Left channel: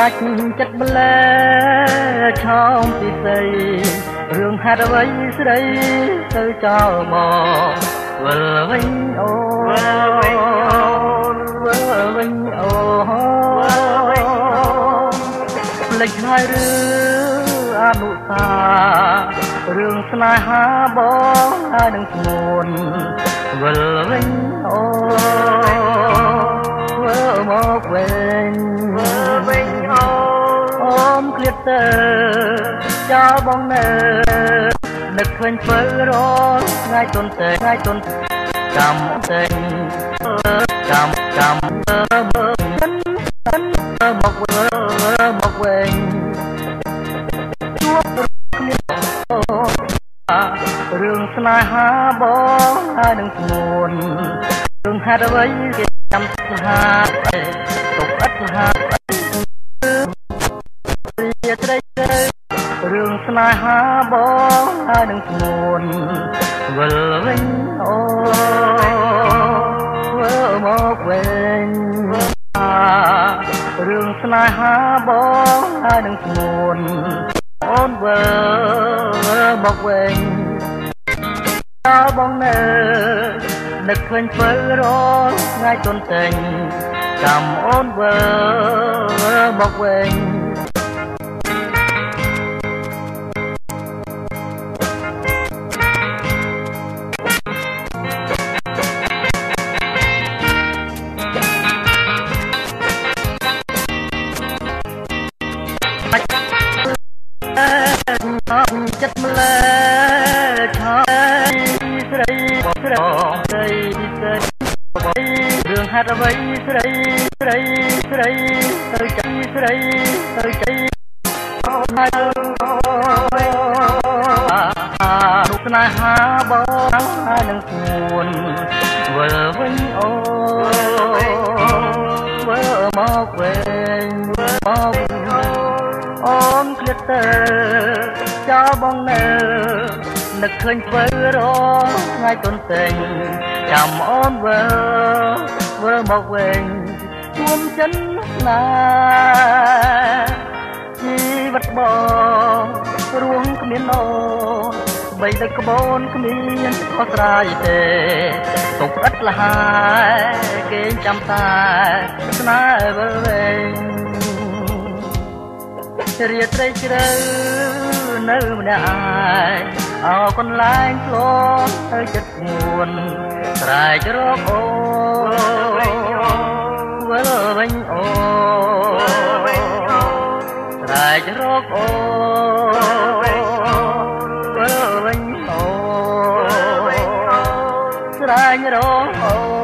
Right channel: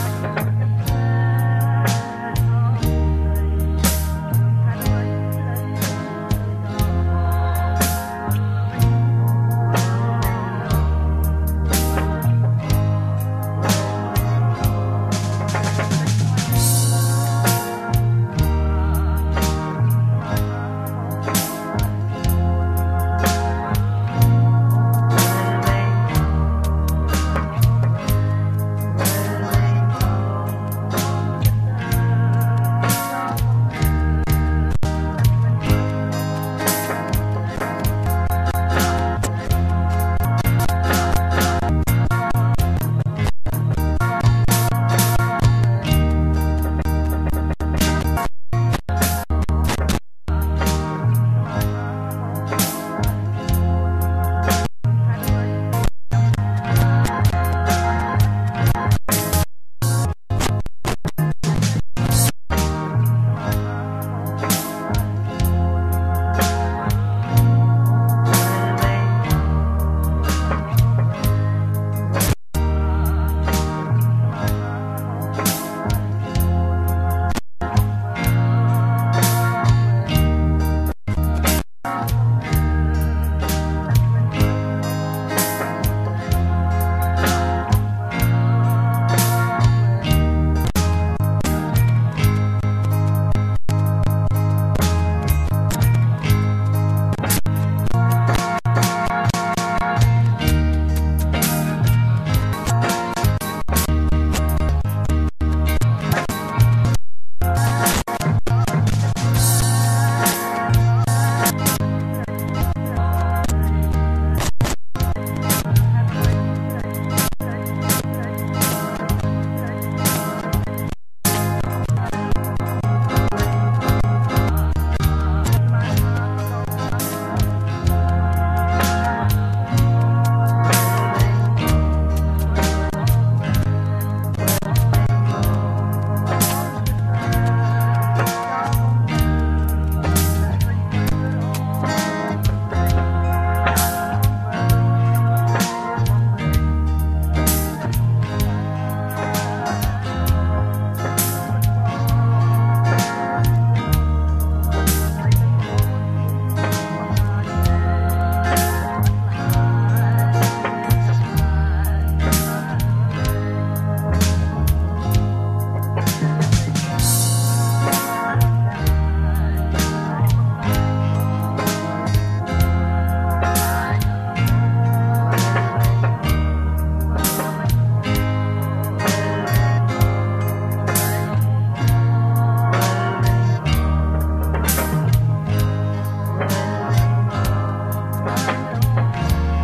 ដាច់ចិត្តម្លេះឆោមពិសីរឿងហេតុអ្វីស្រីទៅចោលមកវិលវិញអូវិលវិញអូភ្លេចហើយឬអនុសារឿងស្នេហាបងហើយនឹងស្ងួនវិលវិញអូវិលមកវិញទៅចោលបងនៅនឹកឃើញធ្វើរងថ្ងៃទុនទៅថ្ងៃទុនតាមទៅតាមមកវិញរឿងស្នេហាបងហើយនឹងស្ងួនរឿងហេតុអ្វីចាំស្ហាទុកឥតស្ហារឿងស្នេហាបងហើយនឹងស្ងួនវិលវិញអូវិលមកវិញរឿងស្នេហាបងហើយនឹងស្ងួនអូនវិលមកវិញតើបងនៅនឹកឃើញធ្វើរងថ្ងៃទុនចេញតាមអូនវិលមកវិញចិត្តម្លេះឆោមស្រីរឿងហេតុអ្វីស្រីទៅចាំស្រីទៅចាំហើយស្នេហាបងហើយនឹងស្ងួនវិលវិញអូវិលមកវិញមកអូនឃ្លាតទៅចោលបងនៅនឹកឃើញធ្វើរងថ្ងៃទុនពេញចាំអូនវិលមកវិញជួបចិនណាជីវិតបងរួមគ្មានអូនបីតែក្បូនគ្មានខុសស្រ័យទេទុកឥតលហើយគេចាំតែស្នេហ៍វិលវិញរាត្រីជ្រៅនៅម្នាក់ឯងអោកន្លែងឆ្លងទៅចិត្តស្ងួនស្រែករកអូវិលវិញអូស្រែករកអូវិលវិញអូស្រែករកអូ